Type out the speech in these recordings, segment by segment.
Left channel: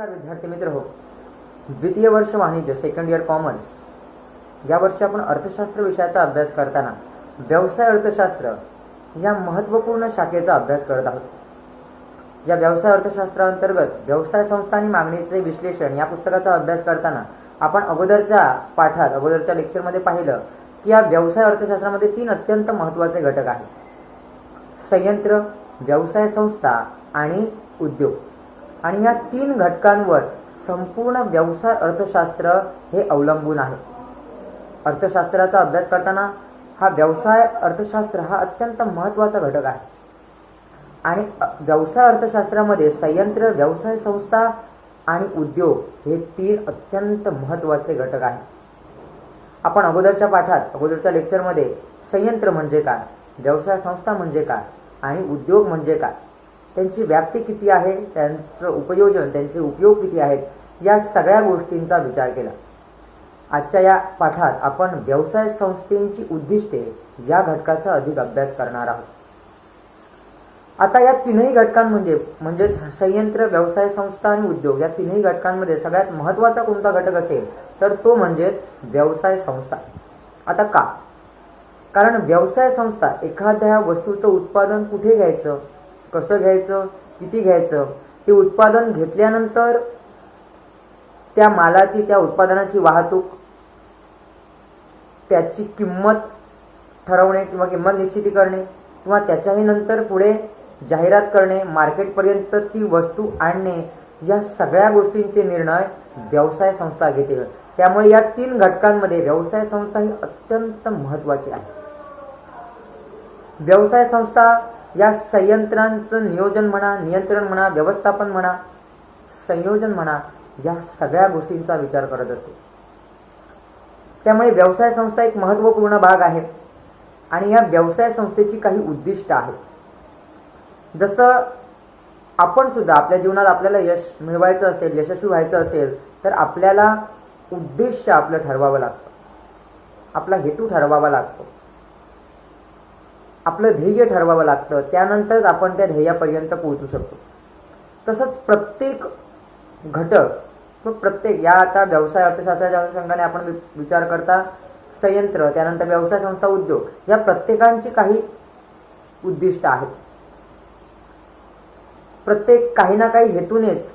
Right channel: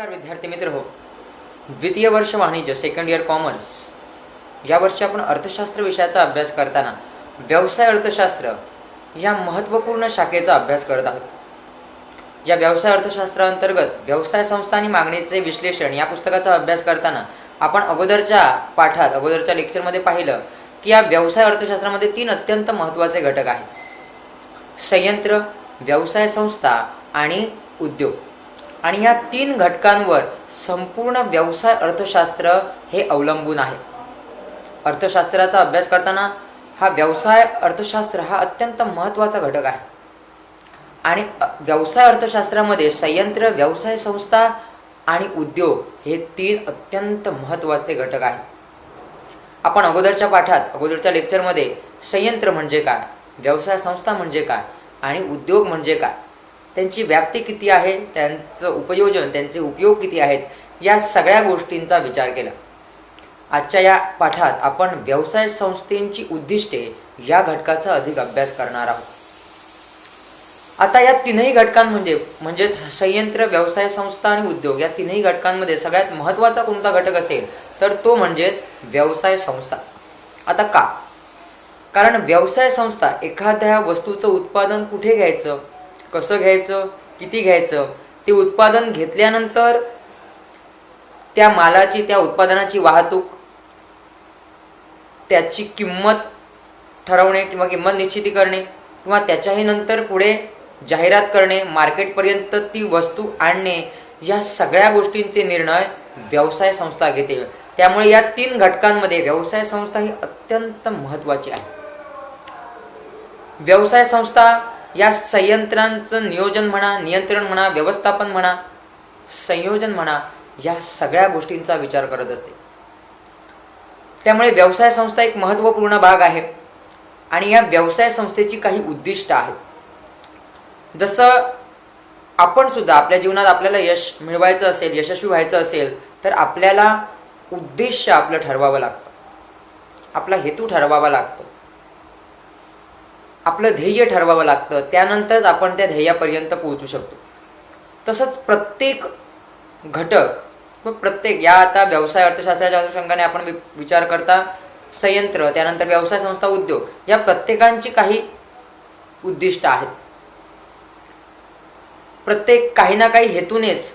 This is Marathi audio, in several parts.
नमस्कार विद्यार्थी मित्र हो. द्वितीय वर्ष वाणिज्य सेकंड इयर कॉमर्स या वर्षी आपण अर्थशास्त्र विषयाचा अभ्यास करताना व्यवसाय अर्थशास्त्र या महत्त्वपूर्ण शाखेचा अभ्यास करत आहोत. या व्यवसाय अर्थशास्त्राअंतर्गत व्यवसाय संस्था आणि मागणीचे विश्लेषण या पुस्तकाचा अभ्यास करताना आपण अगोदरच्या लेक्चरमध्ये पाहिलं की या व्यवसाय अर्थशास्त्रामध्ये 3 अत्यंत महत्त्वाचे घटक आहेत: संयंत्र, व्यवसाय संस्था आणि उद्योग. आणि या 3 घटकांवर संपूर्ण व्यवसाय अर्थशास्त्र हे अवलंबून आहे. अर्थशास्त्राचा अभ्यास करताना हा व्यवसाय अर्थशास्त्र हा अत्यंत महत्त्वाचा घटक आहे. आणि व्यवसाय अर्थशास्त्रामध्ये संयंत्र, व्यवसाय संस्था आणि उद्योग हे 3 अत्यंत महत्त्वाचे घटक आहेत. आपण अगोदरच्या लेक्चरमध्ये संयंत्र म्हणजे काय, व्यवसाय संस्था म्हणजे काय आणि उद्योग म्हणजे काय, त्यांची व्याप्ती किती आहे, त्यांचं उपयोजन, त्यांचे उपयोग किती आहेत, या सगळ्या गोष्टींचा विचार केला. आजच्या या पाठात आपण व्यवसाय संस्थेची उद्दिष्टे या घटकाचा अधिक अभ्यास करणार आहोत. आता या 3ही घटकांमध्ये संयंत्र, व्यवसाय संस्था आणि उद्योग या 3ही घटकांमध्ये सगळ्यात महत्त्वाचा कोणता घटक असेल तर तो म्हणजेच व्यवसाय संस्था. आता का? कारण व्यवसाय संस्था एखाद्या वस्तूचं उत्पादन कुठे घ्यायचं, कसं घ्यायचं, किती घ्यायचं, ते उत्पादन घेतल्यानंतर त्या मालाची, त्या उत्पादनाची वाहतूक, त्याची किंमत ठरवणे किंवा किंमत निश्चिती करणे किंवा त्याच्याही नंतर पुढे जाहिरात करणे, मार्केटपर्यंत ती वस्तू आणणे, या सगळ्या गोष्टींचे निर्णय व्यवसाय संस्था घेते. त्यामुळे या 3 घटकांमध्ये व्यवसाय संस्था ही अत्यंत महत्त्वाची आहे. व्यवसाय संस्था या संयंत्रांचं नियोजन म्हणा, नियंत्रण म्हणा, व्यवस्थापन म्हणा, संयोजन म्हणा, या सगळ्या गोष्टींचा विचार करत असते. त्यामुळे व्यवसाय संस्था एक महत्त्वपूर्ण भाग आहे. आणि या व्यवसाय संस्थेची काही उद्दिष्ट आहेत. जसं आपण सुद्धा आपल्या जीवनात आपल्याला यश मिळवायचं असेल, यशस्वी व्हायचं असेल तर आपल्याला उद्देश आपलं ठरवावं लागतं, आपला हेतू ठरवावा लागतो, आपलं ध्येय ठरवावं लागतं. त्यानंतरच आपण त्या ध्येयापर्यंत पोहोचू शकतो. तसंच प्रत्येक घटक व प्रत्येक या आता व्यवसाय अर्थशास्त्राच्या अनुषंगाने आपण विचार करता संयंत्र, त्यानंतर व्यवसाय संस्था, उद्योग या प्रत्येकांची काही उद्दिष्ट आहेत. प्रत्येक काही ना काही हेतूनेच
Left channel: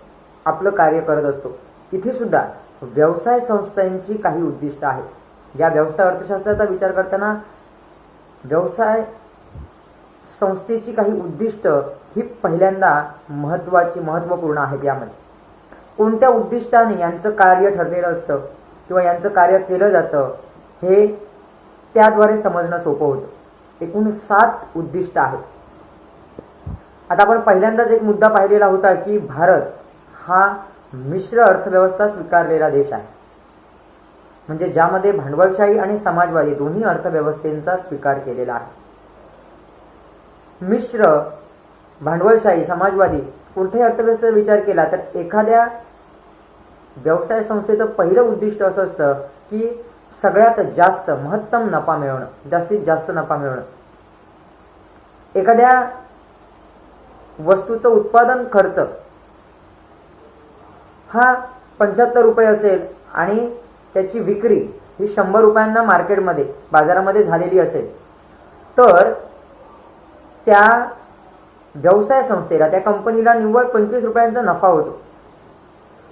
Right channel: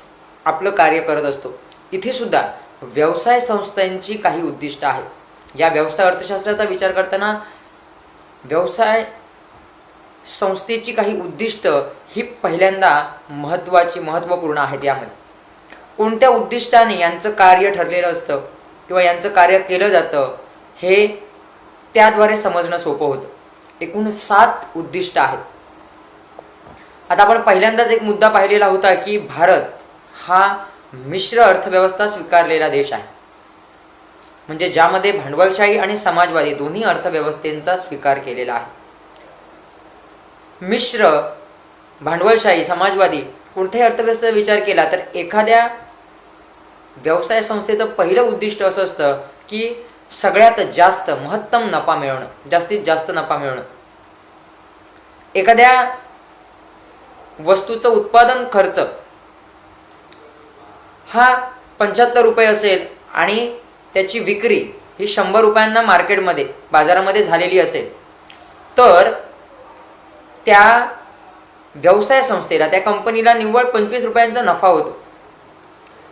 आपलं कार्य करत असतो. इथे सुद्धा व्यवसाय संस्थांची काही उद्दिष्ट आहेत. या व्यवसाय अर्थशास्त्राचा विचार करताना व्यवसाय संस्थेची काही उद्दिष्ट ही पहिल्यांदा महत्त्वपूर्ण आहेत. यामध्ये कोणत्या उद्दिष्टाने यांचं कार्य ठरलेलं असतं किंवा यांचं कार्य केलं जातं हे त्याद्वारे समजणं सोपं होतं. एकूण 7 उद्दिष्ट आहेत. आता आपण पहिल्यांदाच एक मुद्दा पाहिलेला होता की भारत हा मिश्र अर्थव्यवस्था स्वीकारलेला देश आहे. म्हणजे ज्यामध्ये भांडवलशाही आणि समाजवादी दोन्ही अर्थव्यवस्थेचा स्वीकार केलेला आहे. मिश्र, भांडवलशाही, समाजवादी कोणत्याही अर्थव्यवस्थेचा विचार केला तर एखाद्या व्यवसाय संस्थेचं पहिलं उद्दिष्ट असं असतं की सगळ्यात जास्त महत्तम नफा मिळवणं, जास्तीत जास्त नफा मिळवणं. एखाद्या वस्तूचं उत्पादन खर्च हा 75 रुपये असेल आणि त्याची विक्री ही 100 रुपयांना मार्केटमध्ये, बाजारामध्ये झालेली असेल तर त्या व्यवसाय संस्थेला, त्या कंपनीला निव्वळ 25 रुपयांचा नफा होतो.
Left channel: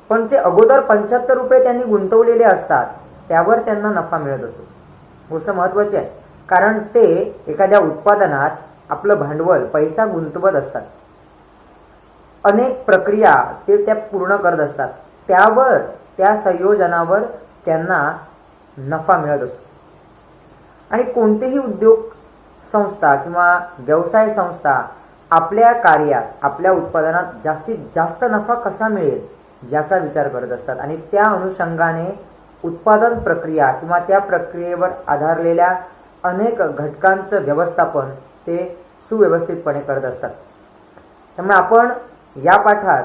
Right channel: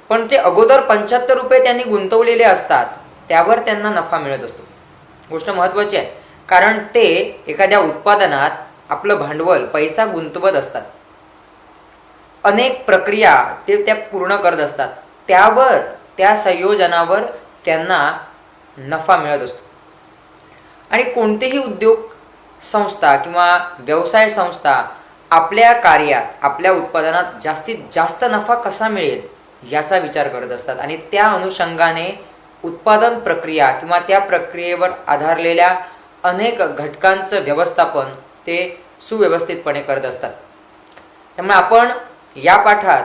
पण ते अगोदर 75 रुपये त्यांनी गुंतवलेले असतात, त्यावर त्यांना नफा मिळत असतो. गोष्ट महत्त्वाची आहे कारण ते एखाद्या उत्पादनात आपलं भांडवल, पैसा गुंतवत असतात. अनेक प्रक्रिया ते त्या पूर्ण करत असतात. त्यावर, त्या संयोजनावर त्यांना नफा मिळत असतो. आणि कोणतेही उद्योग संस्था किंवा व्यवसाय संस्था आपल्या कार्यात, आपल्या उत्पादनात जास्तीत जास्त नफा कसा मिळेल याचा विचार करत असतात. आणि त्या अनुषंगाने उत्पादन प्रक्रिया किंवा त्या प्रक्रियेवर आधारलेल्या अनेक घटकांचं व्यवस्थापन ते सुव्यवस्थितपणे करत असतात. त्यामुळे आपण या पाठात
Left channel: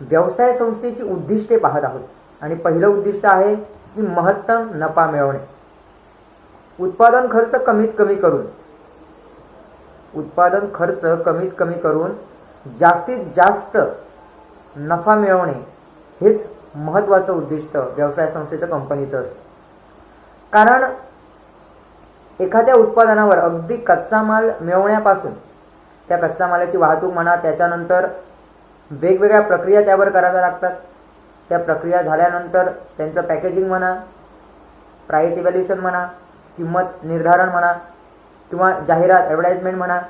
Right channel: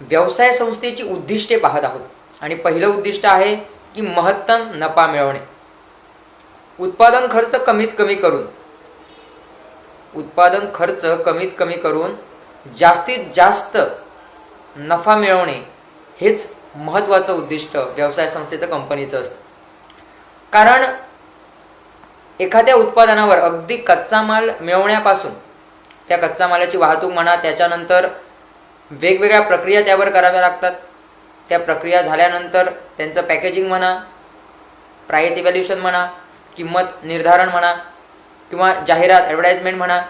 व्यवसाय संस्थेची उद्दिष्टे पाहत आहोत. आणि पहिलं उद्दिष्ट आहे की महत्तम नफा मिळवणे. उत्पादन खर्च कमीत कमी करून जास्तीत जास्त नफा मिळवणे हेच महत्त्वाचं उद्दिष्ट व्यवसाय संस्थेचं, कंपनीचं असतं. कारण एखाद्या उत्पादनावर अगदी कच्चा माल मिळवण्यापासून त्या कच्चा मालाची वाहतूक म्हणा, त्याच्यानंतर वेगवेगळ्या प्रक्रिया त्यावर कराव्या लागतात. त्या प्रक्रिया झाल्यानंतर त्यांचं पॅकेजिंग म्हणा, प्राइस इव्हॅल्युएशन म्हणा, किंमत निर्धारण म्हणा, किंवा जाहिरात ॲडव्हर्टाइजमेंट म्हणा,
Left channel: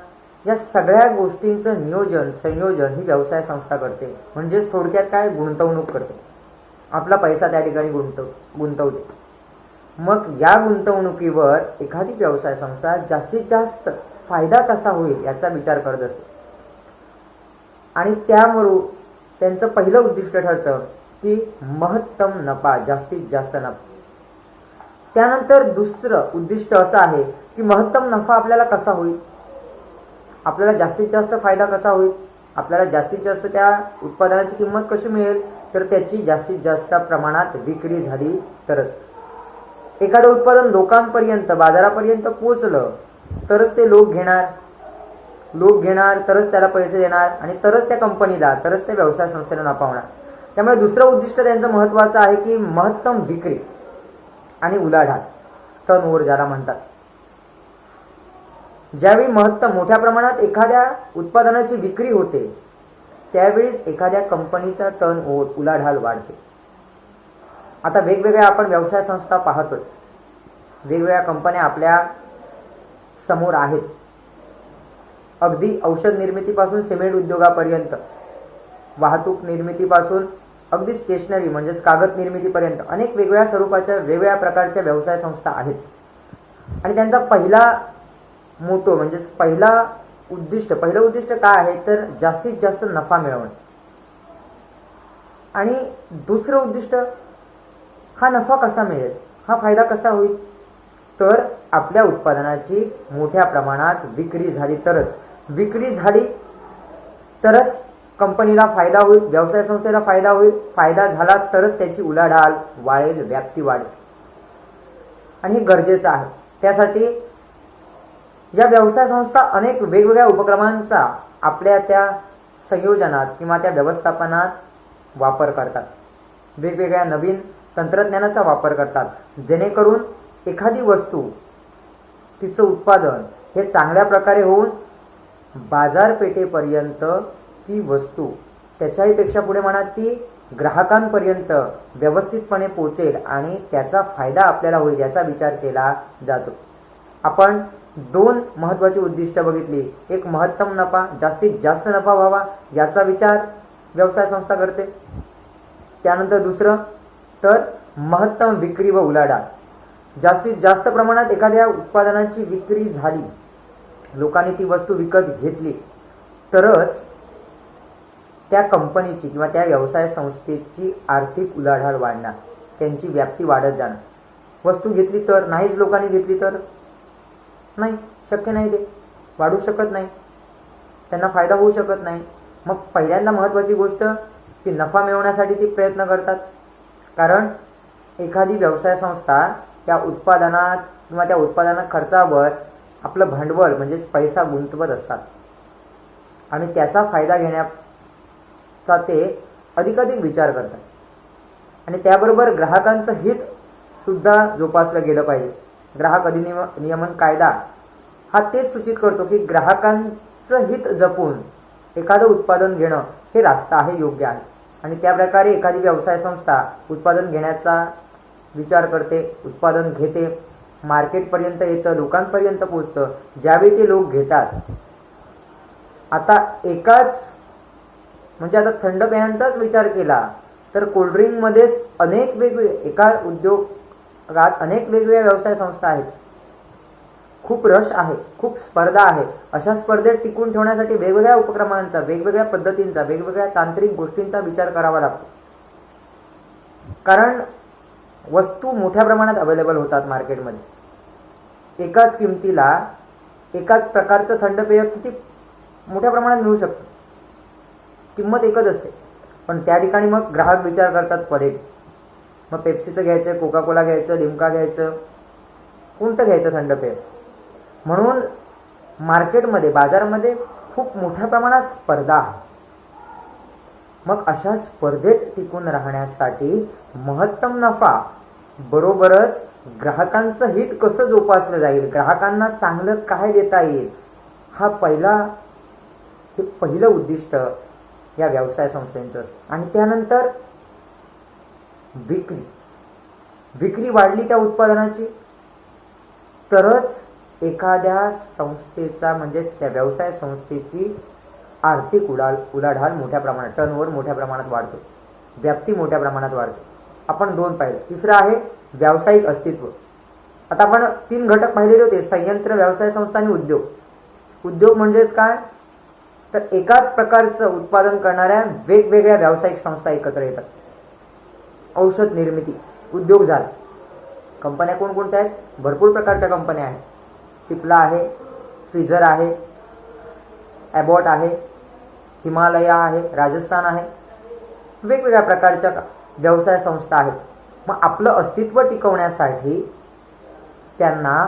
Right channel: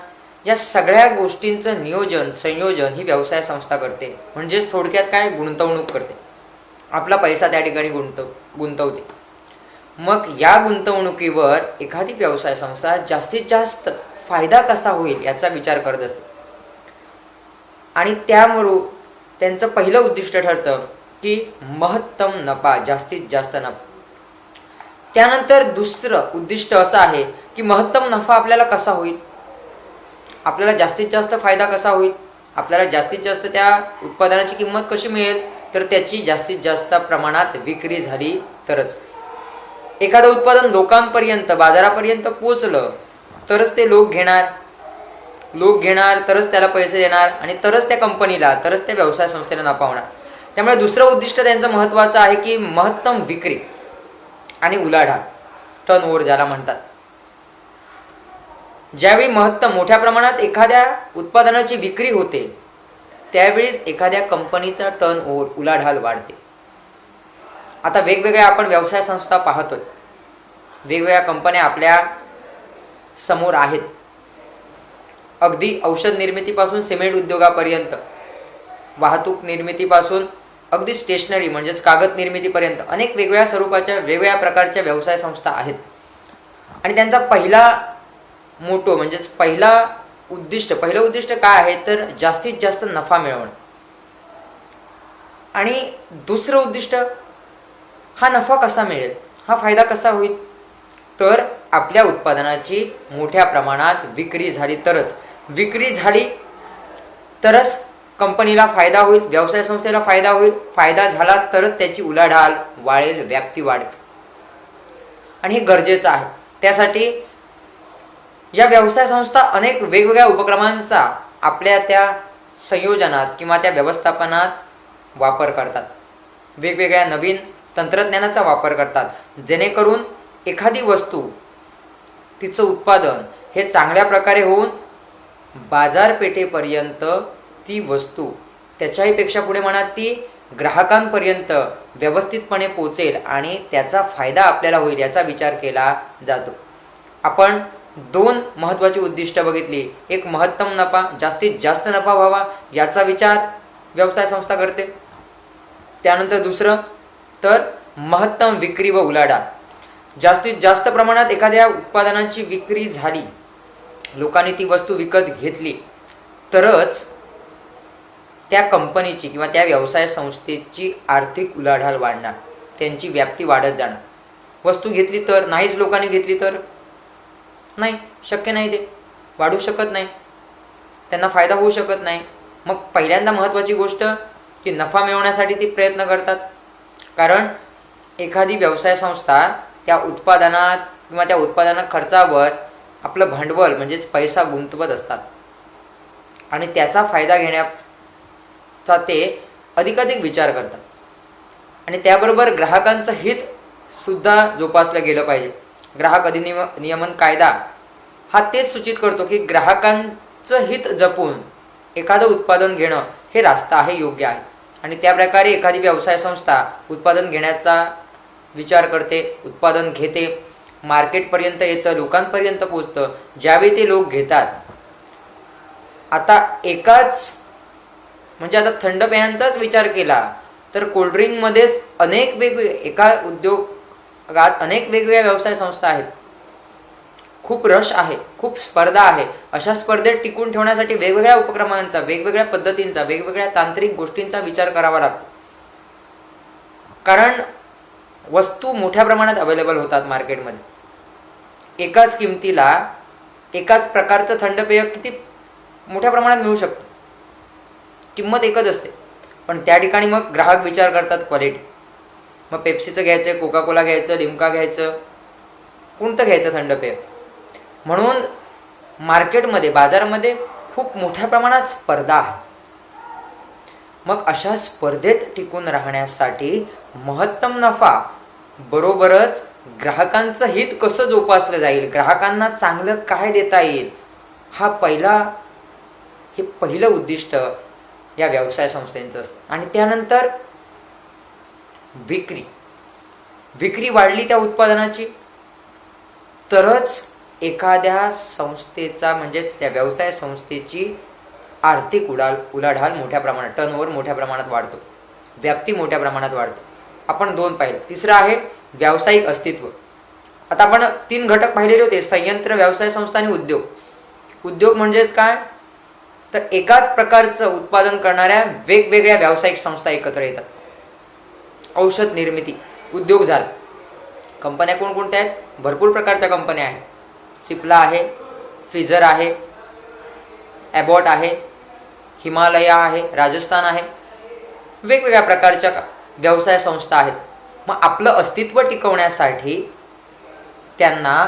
या सगळ्या गोष्टींचं नियोजन संयोजन ही व्यवसाय संस्था करते. म्हणजेच थोडक्यात काय, गुंतवणूक करते, आपला पैसा त्या ठिकाणी गुंतवते. मग या गुंतवणुकीवर एखादी व्यवसाय संस्था जास्तीत जास्त फायदा कसा होईल याचा विचार करत असते. आणि त्यामुळे त्यांचं पहिलं उद्दिष्ट ठरतं की महत्तम नफा, जास्तीत जास्त नफा. त्यानंतर दुसरं उद्दिष्ट असं आहे की महत्तम नफा आपल्याला कसा होईल, आपल्याला जास्तीत जास्त फायदा कसा होईल, आपल्याला जास्तीत जास्त त्या उत्पादनाची किंमत कशी मिळेल, तर त्याची जास्तीत जास्त प्रमाणात विक्री झाली तरच. एखादं उत्पादन लोकांपर्यंत, बाजारापर्यंत पोचलं तरच ते लोक घेणार, तरच त्याला पैसे देणार, आणि तरच त्या कंपनीला, तरच त्या व्यवसाय संस्थेला नफा होणार. त्यामुळे दुसरं उद्दिष्ट त्यांचं महत्त्वाचं आहे की महत्तम विक्री आणि उलाढाल, टर्नओव्हर ज्याला म्हणतात. ज्यावेळी महत्तम मोठ्या प्रमाणात एखाद्या उत्पादनाची विक्री होते त्यावेळीच एखाद्या कंपनीचा टर्नओव्हर, उलाढाल वाढते. आता वेगवेगळ्या आपण व्यवसाय संस्था पाहतोय, वेगवेगळ्या कंपन्या आपल्या समोर आहेत. अगदी औषध निर्मितीपासून सिमेंट उद्योगापर्यंत, वाहतूक निर्मितीपासून अगदी स्टेशनरी म्हणजेच कागद निर्मितीपर्यंत अनेक वेगवेगळ्या स्वरूपाच्या, वेगवेगळ्या प्रकारच्या व्यवसाय संस्था आहेत. आणि त्यांचा पहिला मोटो म्हणजेच पहिलं उद्दिष्ट काय आहे, तर जास्तीत जास्त नफा मिळवणं. आणि दुसरं उद्दिष्ट, हा नफा कसा मिळेल, हा फायदा कसा होईल, तर आपल्या उत्पादनाची मोठ्या प्रमाणात विक्री झाली तरच कंपनीला फायदा होईल, व्यवसाय संस्थेला फायदा होईल. फायदा झाला तरच त्याची उलाढाल वाढेल, व्याप्ती वाढेल. आणि हे गरजेचं आहे. त्यासाठी या व्यवसाय संस्था अनेक वेगवेगळ्या उपक्रमांचा आपल्या त्या संयोजनात किंवा त्या व्यवस्थापनात वापर करतात. वेगवेगळ्या नवीन तंत्रज्ञानाचा वापर करतात, जेणेकरून एखादी वस्तू, तिचं उत्पादन हे चांगल्या प्रकारे होऊन बाजारपेठेपर्यंत ती वस्तू, त्याच्याही पेक्षा पुढे म्हणा, ती ग्राहकांपर्यंत व्यवस्थितपणे पोचेल आणि त्याचा फायदा आपल्याला होईल याचा विचार केला जातो. आपण दोन महत्त्वाची उद्दिष्ट बघितली. एक, महत्तम नफा, जास्तीत जास्त नफा व्हावा याचा विचार व्यवसाय संस्था करते. त्यानंतर दुसरं, तर महत्तम विक्री व उलाढाल. जास्तीत जास्त प्रमाणात एखाद्या उत्पादनाची विक्री झाली, लोकांनी ती वस्तू विकत घेतली तरच त्या कंपनीची किंवा त्या व्यवसाय संस्थेची आर्थिक उलाढाल वाढणार, त्यांची व्याप्ती वाढत जाणार. वस्तू घेतली तर, नाहीच लोकांनी घेतली तर नाही, शक्य नाही, ते वाढू शकत नाही, त्यांना फायदा होऊ शकत नाही. मग पहिल्यांदा महत्त्वाची गोष्ट की नफा मिळवण्यासाठी ती प्रयत्न करतात. कारण एखादी व्यवसाय संस्था त्या उत्पादनात किंवा त्या उत्पादना खर्चावर आपलं भांडवल म्हणजेच पैसा गुंतवत असतात आणि त्याचा फायदा घेण्याचा ते अधिकाधिक विचार करतात. आणि त्याबरोबर ग्राहकांचं हित सुद्धा जोपासलं गेलं पाहिजे. ग्राहक अधिनियमन कायदा हा तेच सूचित करतो की ग्राहकांचं हित जपून एखादं उत्पादन घेणं हे रास्त आहे, योग्य आहे. आणि त्या प्रकारे एखादी व्यवसाय संस्था उत्पादन घेण्याचा विचार करते, उत्पादन घेते, मार्केटपर्यंत येतं, लोकांपर्यंत पोचतं. ज्यावेळी ते लोक घेतात, आता म्हणजे आता थंड पेयांचाच विचार केला तर कोल्ड्रिंकमध्येच अनेक वेगवेगळे, एका उद्योगात अनेक वेगवेगळ्या व्यवसाय संस्था आहेत. खूप रश आहे, खूप स्पर्धा आहे. अशा स्पर्धेत टिकून ठेवण्यासाठी वेगवेगळ्या उपक्रमांचा, वेगवेगळ्या पद्धतींचा, वेगवेगळ्या तांत्रिक गोष्टींचा विचार करावा लागतो. कारण वस्तू मोठ्या प्रमाणात अवेलेबल होतात मार्केटमध्ये. एकाच किमतीला एकाच प्रकारचं थंड पेय किती मोठ्या प्रमाणात मिळू शकतं, किंमत एकच असते. पण त्या ठिकाणी मग ग्राहक विचार करतात क्वालिटी. मग पेप्सीचं घ्यायचं, कोका कोला घ्यायचं, लिम्का घ्यायचं, कोणतं घ्यायचं थंड पेय. म्हणून मार्केटमध्ये, बाजारामध्ये खूप मोठ्या प्रमाणात स्पर्धा आहे. मग अशा स्पर्धेत टिकून राहण्यासाठी महत्तम नफा बरोबरच ग्राहकांचं हित कसं जोपासलं जाईल, ग्राहकांना चांगलं काय देता येईल, हे पहिलं उद्दिष्ट या व्यवसाय संस्थेचं असतं. आणि त्यानंतर विक्री वाढली त्या उत्पादनाची तरच एखाद्या संस्थेचा म्हणजेच त्या व्यवसाय संस्थेची आर्थिक उलाढाल मोठ्या प्रमाणात, टर्नओव्हर मोठ्या प्रमाणात वाढतो, व्याप्ती मोठ्या प्रमाणात वाढते. आपण 2 पाहिले. तिसरं आहे व्यावसायिक अस्तित्व. आता आपण 3 घटक पाहिलेले होते, संयंत्र, व्यवसाय संस्था आणि उद्योग. उद्योग म्हणजेच काय, तर एकाच प्रकारचं उत्पादन करणाऱ्या वेगवेगळ्या व्यावसायिक संस्था एकत्र येतात. औषध निर्मिती उद्योग झाला. कंपन्या कोणकोणत्या आहेत, भरपूर प्रकारच्या कंपन्या आहेत. सिप्ला आहे, फिजर आहे, ॲबॉट आहे, हिमालया आहे, राजस्थान आहे, वेगवेगळ्या प्रकारच्या व्यवसाय संस्था आहेत. मग आपलं अस्तित्व टिकवण्यासाठी त्यांना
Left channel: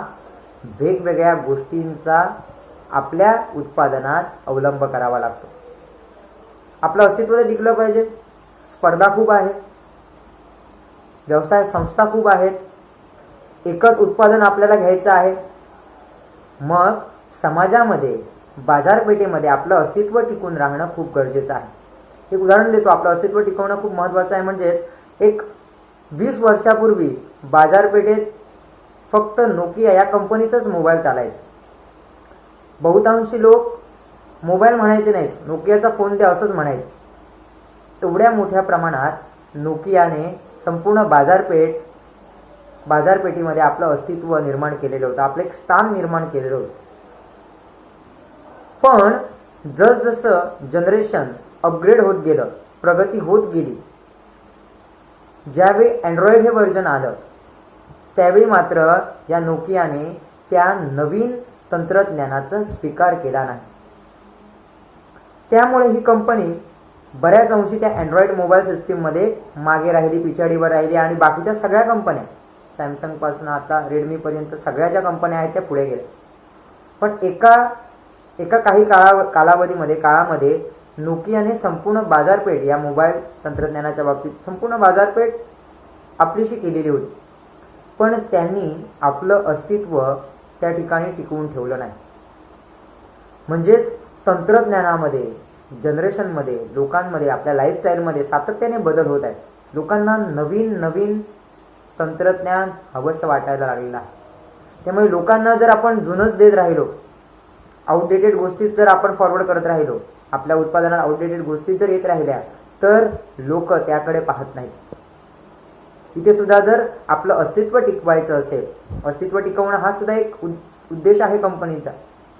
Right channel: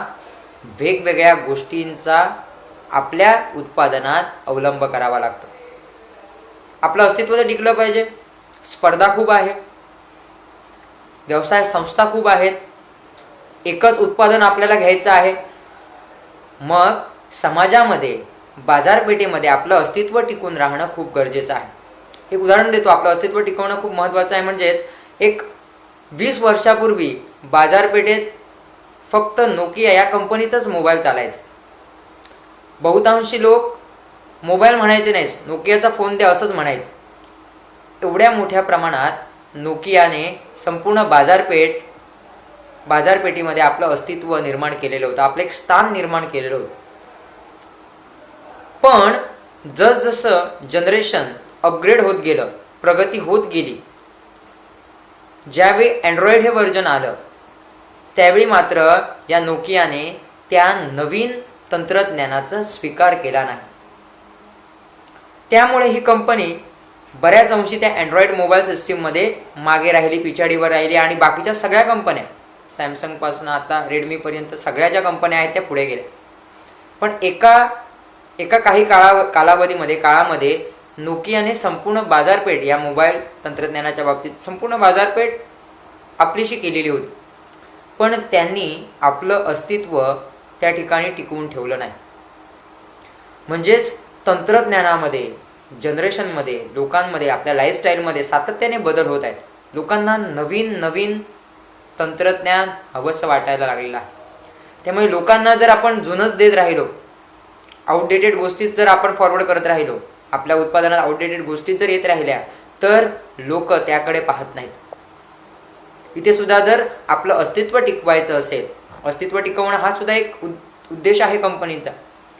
वेगवेगळ्या गोष्टींचा आपल्या उत्पादनात अवलंब करावा लागतो. आपलं अस्तित्व तर टिकलं पाहिजे. स्पर्धा खूप आहे, व्यवसाय संस्था खूप आहेत, एकच उत्पादन आपल्याला घ्यायचं आहे. मग समाजामध्ये, बाजारपेठेमध्ये आपलं अस्तित्व टिकून राहणं खूप गरजेचं आहे. एक उदाहरण देतो. आपलं अस्तित्व टिकवणं खूप महत्त्वाचं आहे. म्हणजेच एक 20 वर्षापूर्वी बाजारपेठेत फक्त नोकिया या कंपनीचाच मोबाईल चालायचा. बहुतांशी लोक मोबाईल म्हणायचे नाहीत, नोकियाचा फोन द्या असंच म्हणायचं. एवढ्या मोठ्या प्रमाणात नोकियाने संपूर्ण बाजारपेठीमध्ये आपलं अस्तित्व निर्माण केलेलं होतं, आपलं एक स्थान निर्माण केलेलं होतं. पण जसजसं जनरेशन अपग्रेड होत गेलं, प्रगती होत गेली, ज्यावेळी अँड्रॉइड हे व्हर्जन आलं त्यावेळी मात्र या नोकियाने त्या नवीन तंत्रज्ञानाचा स्वीकार केला नाही. त्यामुळे ही कंपनी बऱ्याच अंशी त्या अँड्रॉइड मोबाईल सिस्टीममध्ये मागे राहिली, पिछाडीवर राहिली. आणि बाकीच्या सगळ्या कंपन्या, सॅमसंगपासून आता रेडमीपर्यंत सगळ्या ज्या कंपन्या आहेत त्या पुढे गेल्या. पण एका काही काळामध्ये नोकियाने संपूर्ण बाजारपेठ या मोबाईल तंत्रज्ञानाच्या बाबतीत संपूर्ण बाजारपेठ आपलीशी केलेली होती. पण त्यांनी आपलं अस्तित्व त्या ठिकाणी टिकवून ठेवलं नाही. म्हणजेच तंत्रज्ञानामध्ये, जनरेशनमध्ये, लोकांमध्ये, आपल्या लाईफस्टाईलमध्ये सातत्याने बदल होत आहेत. लोकांना नवीन तंत्रज्ञान हवंसं वाटायला लागलेलं आहे. त्यामुळे लोकांना जर आपण जुनंच देत राहिलो, आउटडेटेड गोष्टीच जर आपण फॉरवर्ड करत राहिलो, आपल्या उत्पादनात आउटडेटेड गोष्टी जर येत राहिल्या तर लोक त्याकडे पाहत नाहीत. इथे सुद्धा जर आपलं अस्तित्व टिकवायचं असेल, अस्तित्व टिकवणं हा सुद्धा एक उद्देश आहे कंपनीचा.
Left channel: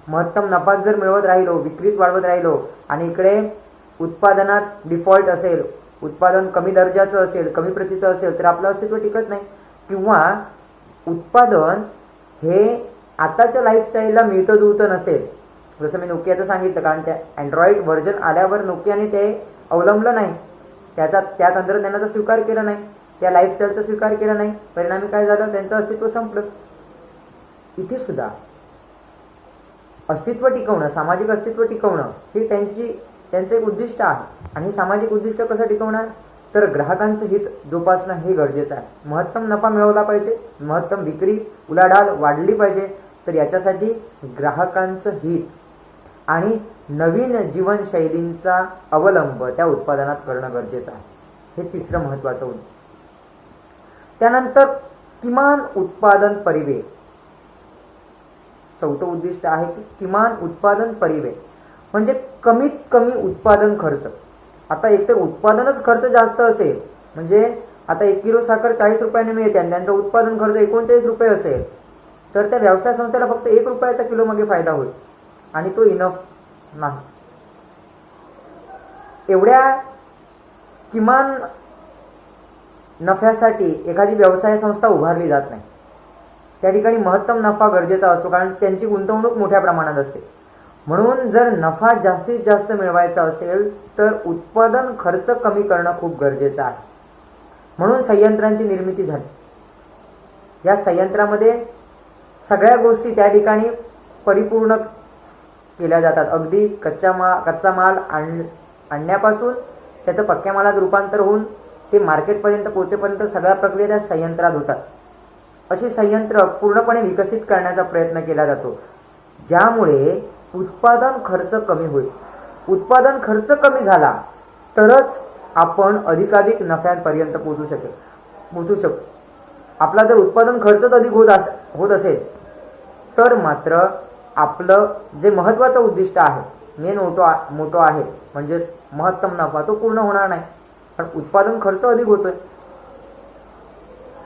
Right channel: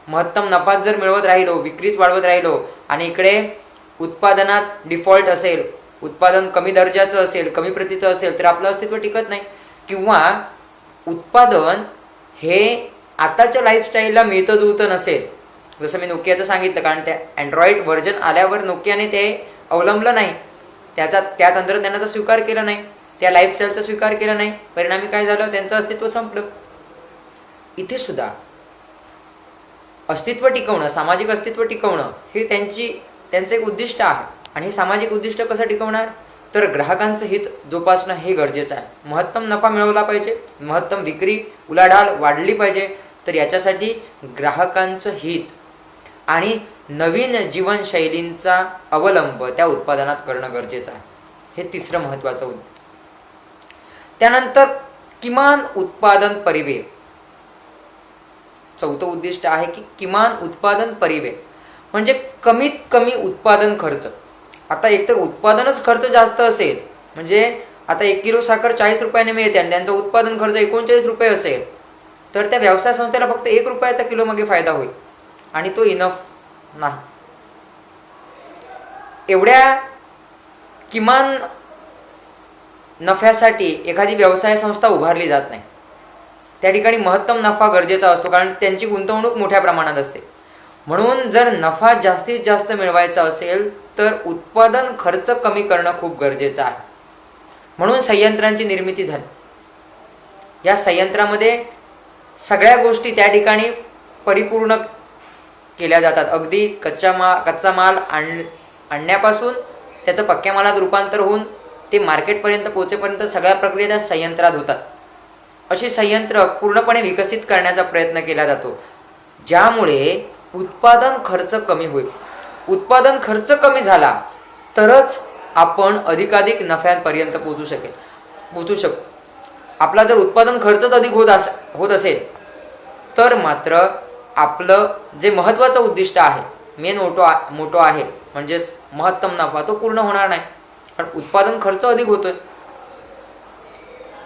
महत्तम नफा जर मिळवत राहिलो, विक्रीच वाढवत राहिलो आणि इकडे उत्पादनात डिफॉल्ट असेल, उत्पादन कमी दर्जाचं असेल, कमी प्रतीचं असेल तर आपलं अस्तित्व टिकत नाही. किंवा उत्पादन हे आताच्या लाईफस्टाईलला मिळतं जुळतं नसेल, जसं मी नोकियाचं सांगितलं, कारण त्या अँड्रॉइड व्हर्जन आल्यावर नोकियाने ते अवलंबलं नाही, त्या तंत्रज्ञानाचा स्वीकार केला नाही, त्या लाईफस्टाईलचा स्वीकार केला नाही. परिणामी काय झालं, त्यांचं अस्तित्व संपलं. इथे सुद्धा अस्तित्व टिकवणं, सामाजिक अस्तित्व टिकवणं हे त्यांचं एक उद्दिष्ट आहे. आणि हे सामाजिक उद्दिष्ट कसं टिकवणार, तर ग्राहकांचं हित जोपासणं हे गरजेचं आहे. महत्तम नफा मिळवला पाहिजे, महत्तम विक्री उलाढाल वाढली पाहिजे. तर याच्यासाठी ग्राहकांचं हित आणि नवीन जीवनशैलींचा अवलंब त्या उत्पादनात करणं गरजेचं आहे. हे तिसरं महत्त्वाचं उद्दिष्ट. त्यानंतर किमान उत्पादन परिव्यय. चौथं उद्दिष्ट आहे की किमान उत्पादन परिव्यय म्हणजे कमीत कमी उत्पादन खर्च. आता एकतर उत्पादनच खर्च जास्त असेल, म्हणजे आता 1 किलो साखर 40 रुपयाने मिळते आणि त्यांचा उत्पादन खर्च 39 रुपये असेल, तर त्या व्यवसाय संस्थेला फक्त 1 रुपयाचा किलो मागे फायदा होईल आणि तो इनफ नाही. एवढ्या किमान नफ्यासाठी एखादी व्यवसाय संस्था उभारली जात नाही. त्या ठिकाणी महत्तम नफा गरजेचा असतो, कारण त्यांची गुंतवणूक मोठ्या प्रमाणात असते. म्हणून जर नफा जास्तीत जास्त मिळवायचा असेल तर उत्पादन खर्च कमी करणं खूप गरजेचं आहे. म्हणून संयंत्रांची निर्मिती झाली. या संयंत्रामध्ये सगळ्या गोष्टी त्या ठिकाणी परिपूर्ण केल्या जातात. अगदी कच्चा माल आणण्यापासून त्याचं पक्क्या मालात रूपांतर होऊन ते मार्केटपर्यंत पोहोचेपर्यंत सगळ्या प्रक्रिया त्या संयंत्रात होतात. अशी संयंत्र पूर्णपणे विकसित करण्याचा प्रयत्न केला जातो, ज्यामुळे उत्पादन खर्च कमी होईल. उत्पादन खर्च कमी झाला तरच आपण अधिकाधिक नफ्यापर्यंत पोहोचू शकतो. आपला जर उत्पादन खर्चच अधिक होत असेल तर मात्र आपलं जे महत्त्वाचं उद्दिष्ट आहे, मेन मोठो आहे, म्हणजेच महत्तम नफा, तो पूर्ण होणार नाही. कारण उत्पादन खर्च अधिक होतोय.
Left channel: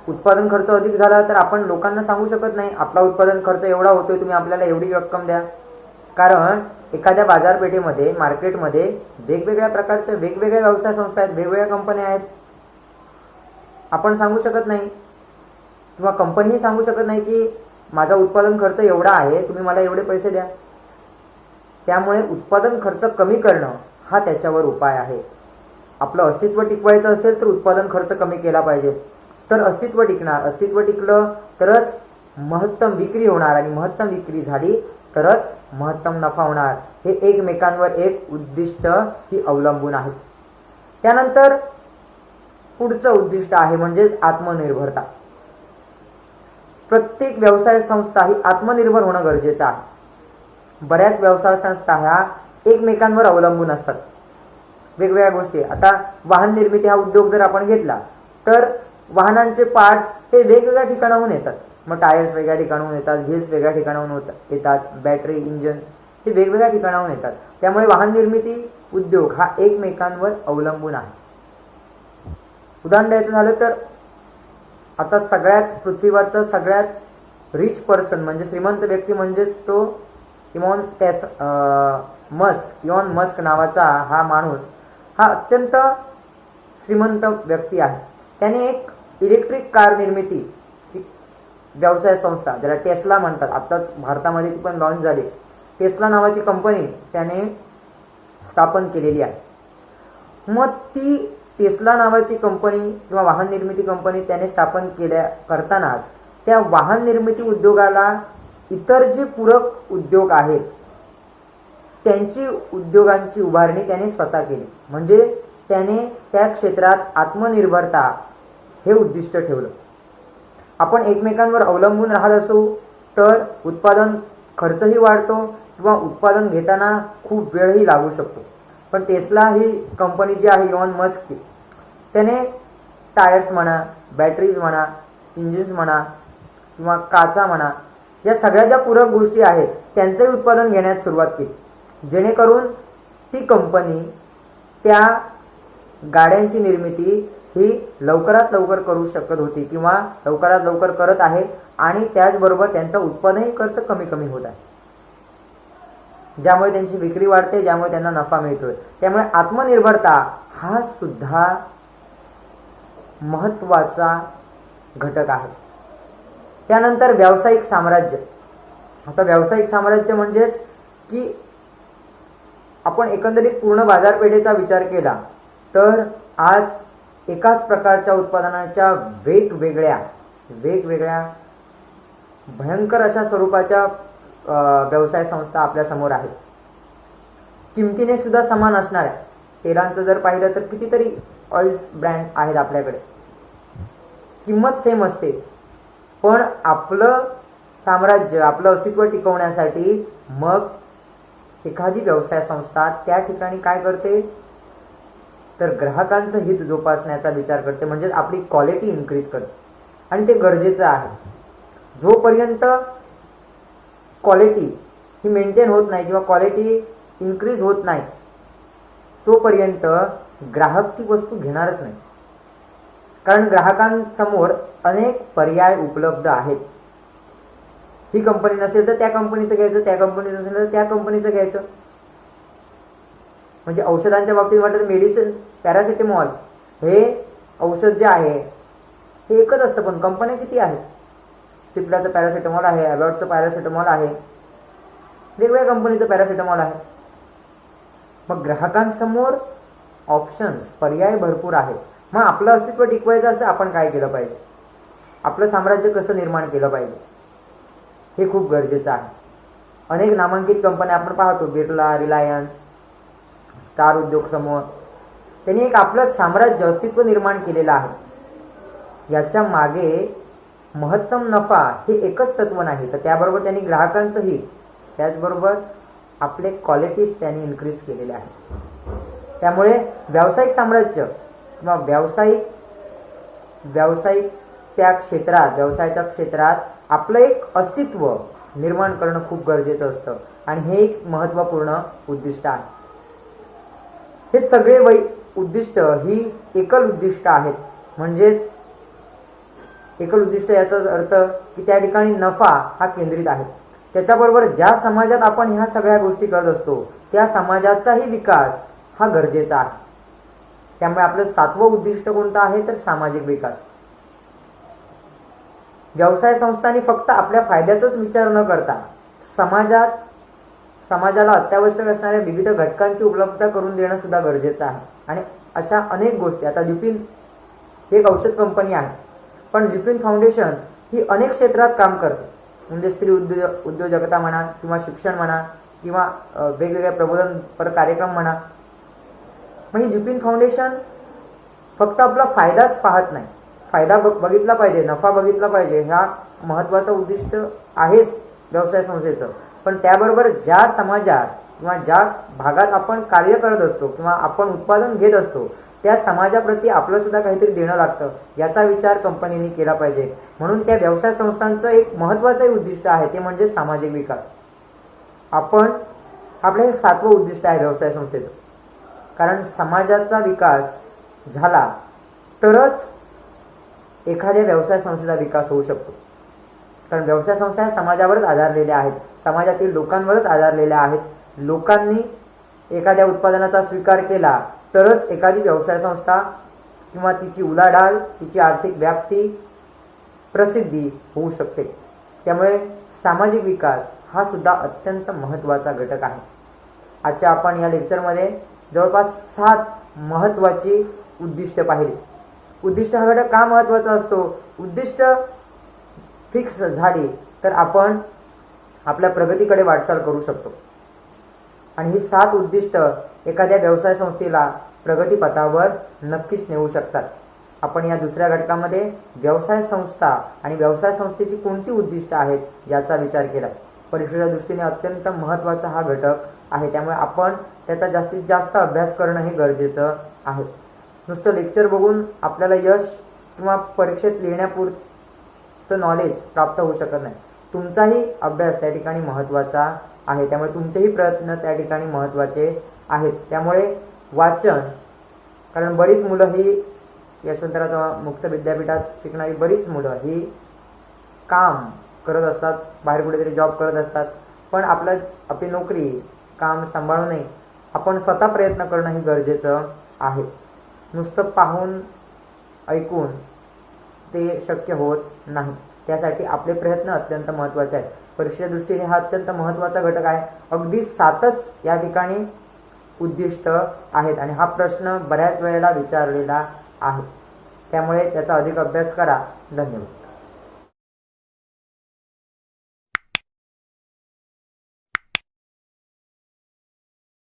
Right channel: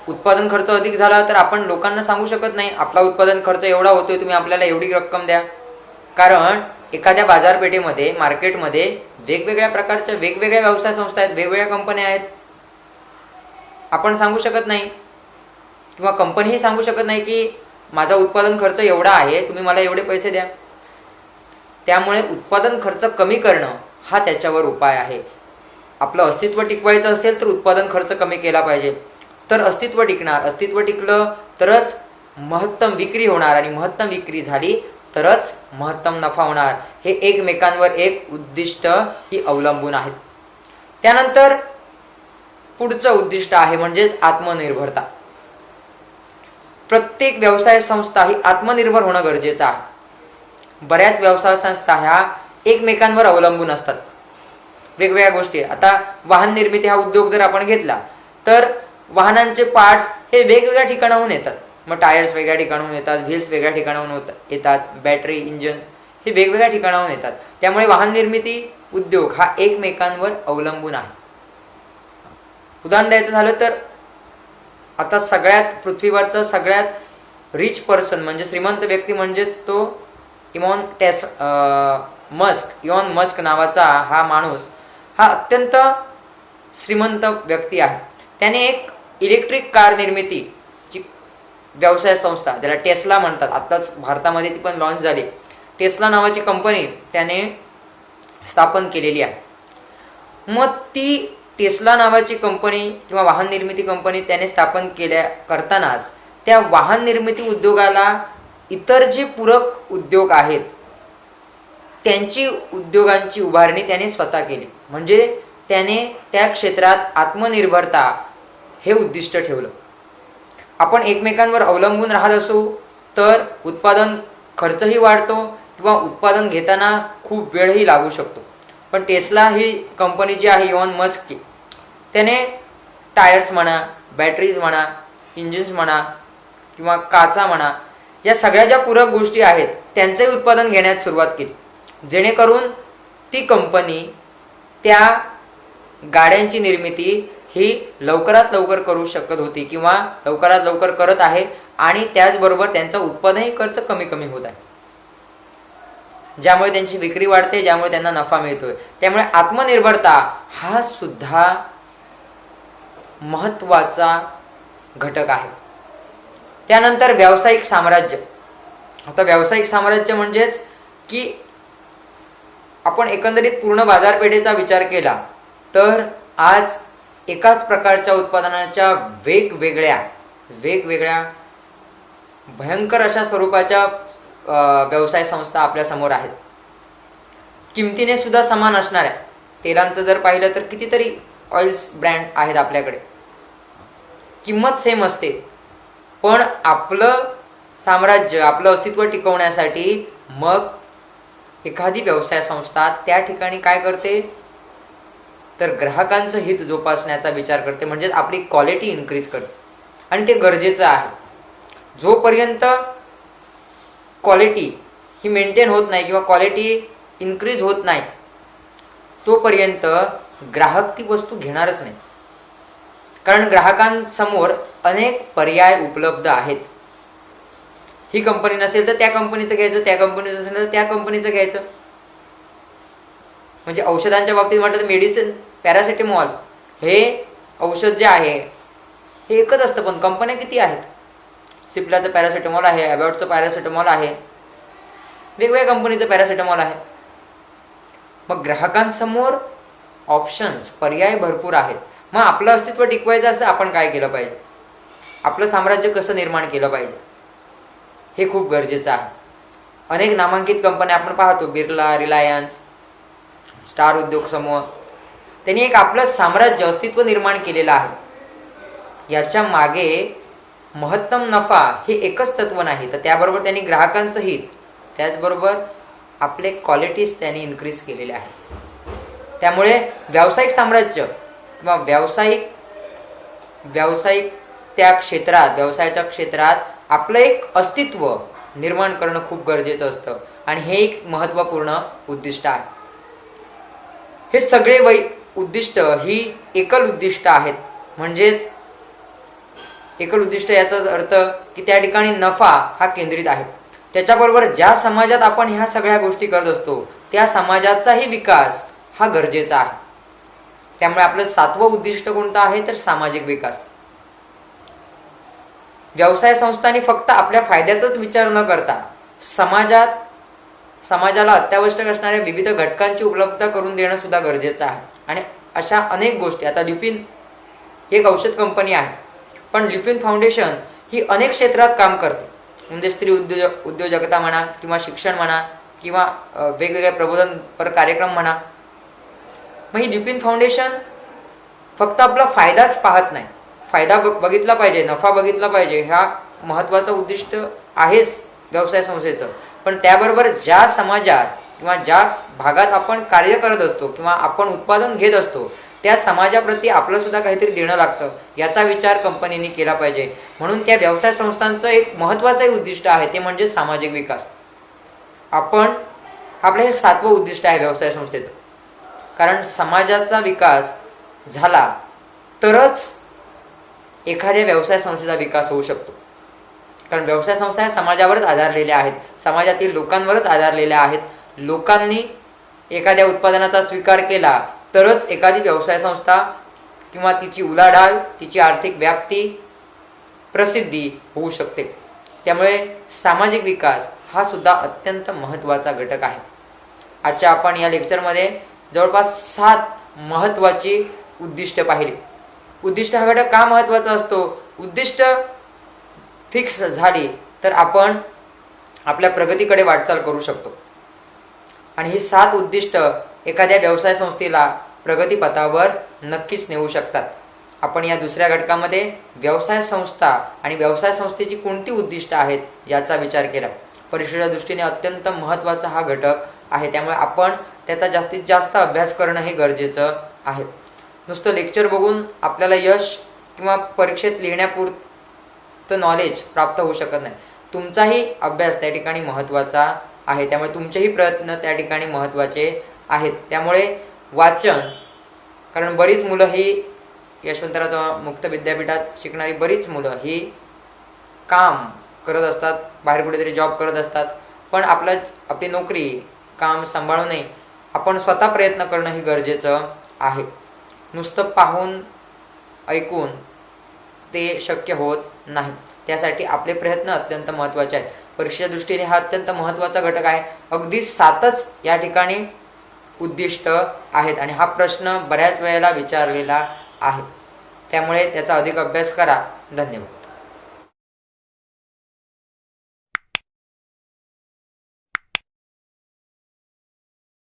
उत्पादन खर्च अधिक झाला तर आपण लोकांना सांगू शकत नाही आपला उत्पादन खर्च एवढा होतोय, तुम्ही आपल्याला एवढी रक्कम द्या. कारण एखाद्या बाजारपेठेमध्ये, मार्केटमध्ये वेगवेगळ्या प्रकारच्या वेगवेगळ्या व्यवसाय संस्था आहेत, वेगवेगळ्या कंपन्या आहेत. आपण सांगू शकत नाही किंवा कंपनीही सांगू शकत नाही की माझा उत्पादन खर्च एवढा आहे, तुम्ही मला एवढे पैसे द्या. त्यामुळे उत्पादन खर्च कमी करणं हा त्याच्यावर उपाय आहे. आपलं अस्तित्व टिकवायचं असेल तर उत्पादन खर्च कमी केला पाहिजे, तर अस्तित्व टिकणार. अस्तित्व टिकलं तरच महत्तम विक्री होणार, आणि महत्तम विक्री झाली तरच महत्तम नफा होणार. हे एकमेकांवर एक उद्दिष्ट ही अवलंबून आहेत. त्यानंतर पुढचं उद्दिष्ट आहे म्हणजेच आत्मनिर्भरता. प्रत्येक व्यवसाय संस्था ही आत्मनिर्भर होणं गरजेचं आहे. बऱ्याच व्यवसाय संस्था ह्या एकमेकांवर अवलंबून असतात वेगवेगळ्या गोष्टी. आता वाहन निर्मिती हा उद्योग जर आपण घेतला तर वाहनांचे पार्ट्स हे वेगवेगळ्या ठिकाणाहून येतात. मग टायर्स वेगळ्या ठिकाणाहून येतात, व्हील्स वेगळ्या ठिकाणाहून येतात, बॅटरी, इंजन हे वेगवेगळ्या ठिकाणाहून येतात. त्यामुळे वाहन निर्मिती उद्योग हा एकमेकांवर अवलंबून आहे. उदाहरण द्यायचं झालं तर आता सगळ्यात पृथ्वीवरचा सगळ्यात रिच पर्सन म्हणजे श्रीमंत व्यक्ती म्हणजेच तो इलॉन मस्क नावाचा हा माणूस हा अत्यंत श्रीमंत व्यक्ती आहे. त्याने एक इलेक्ट्रिक कार निर्मितीची व्यवसाय संस्था, ज्याला टेस्ला म्हणतात, आत्ताच भारतामध्ये ती पण लॉन्च झाली, टेस्ला नावाची कंपनी त्याने स्थापन केलेली आहे. मग ती टेस्ला नावाची कंपनी किंवा वाहन निर्मिती कंपनी त्याने स्थापन करतानाच त्या वाहन निर्मिती उद्योगाला इतर जे पूरक उद्योग आहेत त्यांची उद्योगांची उभारणी त्याने स्वतः केली. म्हणजे त्याने त्या क्षेत्रात आत्मनिर्भरता हे उद्दिष्ट ठेवलं. आपण एकमेकांवर अवलंबून राहत असू तर उत्पादन खर्चही वाढतो किंवा उत्पादन घेताना खूप वेळही लागू शकतो. पण टेस्ला ही कंपनी जी आहे इलॉन मस्कची, त्याने टायर्स म्हणा, बॅटरीज म्हणा, इंजिन्स म्हणा किंवा काचा म्हणा, या सगळ्या ज्या पूरक गोष्टी आहेत त्यांचंही उत्पादन घेण्यास सुरुवात केली, जेणेकरून ती कंपनी त्या गाड्यांची निर्मिती ही लवकरात लवकर करू शकत होती किंवा लवकरात लवकर करत आहे, आणि त्याचबरोबर त्यांचा उत्पादनही खर्च कमी कमी होत आहे, ज्यामुळे त्यांची विक्री वाढते, ज्यामुळे त्यांना नफा मिळतोय. त्यामुळे आत्मनिर्भरता हा सुद्धा महत्त्वाचा घटक आहे. त्यानंतर व्यावसायिक साम्राज्य. आता व्यावसायिक साम्राज्य म्हणजेच की आपण एकंदरीत पूर्ण बाजारपेठेचा विचार केला तर आज एकाच प्रकारच्या उत्पादनाच्या वेगवेगळ्या भयंकर अशा स्वरूपाच्या व्यवसाय संस्था आपल्या समोर आहेत. किमतीने सुद्धा समान असणाऱ्या तेलांचं जर पाहिलं तर कितीतरी ऑइल्स ब्रँड आहेत आपल्याकडे. किंमत सेम असते, पण आपलं साम्राज्य, आपलं अस्तित्व टिकवण्यासाठी मग एखादी व्यवसाय संस्था त्या ठिकाणी काय करते तर ग्राहकांचं हित जोपासण्याचा विचार करते, म्हणजेच आपली क्वालिटी इन्क्रीज करते. आणि ते गरजेचं आहे. जोपर्यंत क्वालिटी ही मेंटेन होत नाही किंवा क्वालिटी इन्क्रीज होत नाही तोपर्यंत ग्राहक ती वस्तू घेणारच नाही. कारण ग्राहकांसमोर अनेक पर्याय उपलब्ध आहेत. ही कंपनी नसेल तर त्या कंपनीचं घ्यायचं, त्या कंपनीचं असेल तर त्या कंपनीचं घ्यायचं. म्हणजे औषधांच्या बाबतीत म्हटलं तर मेडिसिन, पॅरासिटामॉल हे औषध जे आहे हे एकच असतं, पण कंपन्या किती आहेत. सिप्लाचं पॅरासिटामॉल आहे, ॲबॉटचं पॅरासिटामॉल आहे, वेगवेगळ्या कंपनीचं पॅरासिटामॉल आहे. मग ग्राहकांसमोर ऑप्शन्स, पर्याय भरपूर आहेत. मग आपलं अस्तित्व टिकवायचं असतं आपण काय केलं पाहिजे, आपलं साम्राज्य कसं निर्माण केलं पाहिजे हे खूप गरजेचं आहे. अनेक नामांकित कंपन्या आपण पाहतो, बिर्ला, रिलायन्स, स्टार उद्योग समूह, त्यांनी एक आपलं साम्राज्य अस्तित्व निर्माण केलेलं आहे. याच्या मागे महत्तम नफा हे एकच तत्व नाही, तर त्याबरोबर त्यांनी ग्राहकांचं हित, त्याचबरोबर आपले क्वालिटीज त्यांनी इन्क्रीज केलेले आहे. त्यामुळे व्यावसायिक साम्राज्य किंवा व्यावसायिक त्या क्षेत्रात, व्यवसायाच्या क्षेत्रात आपलं एक अस्तित्व निर्माण करणं खूप गरजेचं असतं आणि हे एक महत्त्वपूर्ण उद्दिष्ट आहे. हे सगळे उद्दिष्ट ही एकल उद्दिष्ट आहेत. म्हणजेच एकल उद्दिष्ट याचा अर्थ की त्या ठिकाणी नफा हा केंद्रित आहे. त्याच्याबरोबर ज्या समाजात आपण ह्या सगळ्या गोष्टी करत असतो त्या समाजाचाही विकास हा गरजेचा आहे. त्यामुळे आपलं 7वं उद्दिष्ट कोणतं आहे तर सामाजिक विकास. व्यवसाय संस्थांनी फक्त आपल्या फायद्याचाच विचार न करता समाजाला अत्यावश्यक असणाऱ्या विविध घटकांची उपलब्धता करून देणं सुद्धा गरजेचं आहे. आणि अशा अनेक गोष्टी, आता ल्युपिन ही एक औषध कंपनी आहे, पण ल्युपिन फाउंडेशन ही अनेक क्षेत्रात काम करते. म्हणजे स्त्री उद्योजकता म्हणा किंवा शिक्षण म्हणा किंवा वेगवेगळ्या प्रबोधनपर कार्यक्रम म्हणा. मग ही ल्युपिन फाउंडेशन फक्त आपला फायदाच पाहत नाही, फायदा बघितला पाहिजे, नफा बघितला पाहिजे, हा महत्त्वाचं उद्दिष्ट आहेच व्यवसाय संस्थेचं. पण त्याबरोबर ज्या समाजात किंवा ज्या भागात आपण कार्य करत असतो किंवा आपण उत्पादन घेत असतो त्या समाजाप्रती आपलं सुद्धा काहीतरी देणं लागतं, याचा विचार कंपनीने केला पाहिजे. म्हणून त्या व्यवसाय संस्थांचं एक महत्त्वाचं उद्दिष्ट आहे ते म्हणजे सामाजिक विकास. आपलं हे 7वं उद्दिष्ट आहे व्यवसाय संस्थेचं. कारण समाजाचा विकास झाला तरच एखाद्या व्यवसाय संस्थेचा विकास होऊ शकतो. कारण व्यवसाय संस्था ह्या समाजावरच आधारलेल्या आहेत, समाजातील लोकांवरच आधारलेल्या आहेत. लोकांनी एखाद्या उत्पादनाचा स्वीकार केला तरच एखादी व्यवसाय संस्था किंवा तिची उलाढाल, तिची आर्थिक व्याप्ती, प्रसिद्धी होऊ शकते. त्यामुळे सामाजिक विकास हा सुद्धा अत्यंत महत्त्वाचा घटक आहे. आजच्या आपण या लेक्चरमध्ये जवळपास 7 महत्त्वाची उद्दिष्ट पाहिली. उद्दिष्ट हा घटक का महत्त्वाचा असतो? उद्दिष्ट फिक्स झाली तर आपण आपल्या प्रगतीकडे वाटचाल करू शकतो. आणि ही 7 उद्दिष्ट एखाद्या व्यवसाय संस्थेला प्रगतीपथावर नक्कीच नेऊ शकतात. आपण या दुसऱ्या घटकामध्ये व्यवसाय संस्था आणि व्यवसाय संस्थेची कोणती उद्दिष्ट आहेत याचा विचार केला. परीक्षेच्या दृष्टीने अत्यंत महत्त्वाचा हा घटक आहे. त्यामुळे आपण त्याचा जास्तीत जास्त अभ्यास करणं हे गरजेचं आहे. नुसतं लेक्चर बघून आपल्याला यश किंवा परीक्षेत लिहिण्यापुरतं नॉलेज प्राप्त होऊ शकत नाही. तुमचाही अभ्यास त्या ठिकाणी महत्त्वाचा आहे. त्यामुळे तुमचेही प्रयत्न त्या ठिकाणी महत्त्वाचे आहेत. त्यामुळे वाचन, कारण बरीच मुलं ही यशवंतराव चव्हाण मुक्त विद्यापीठात शिकणारी बरीच मुलं ही काम करत असतात, बाहेर कुठेतरी जॉब करत असतात, पण आपली नोकरी, काम सांभाळूनही आपण स्वतः प्रयत्न करणं हे गरजेचं आहे. नुसतं पाहून ऐकून ते शक्य होत नाही. त्यासाठी आपले प्रयत्न अत्यंत महत्त्वाचे आहेत. परीक्षेच्या दृष्टीने हा अत्यंत महत्त्वाचा घटक आहे. अगदी 7च या ठिकाणी उद्दिष्ट आहेत आणि हा प्रश्न बऱ्याच वेळेला विचारलेला आहे. त्यामुळे त्याचा अधिक अभ्यास करा. धन्यवाद.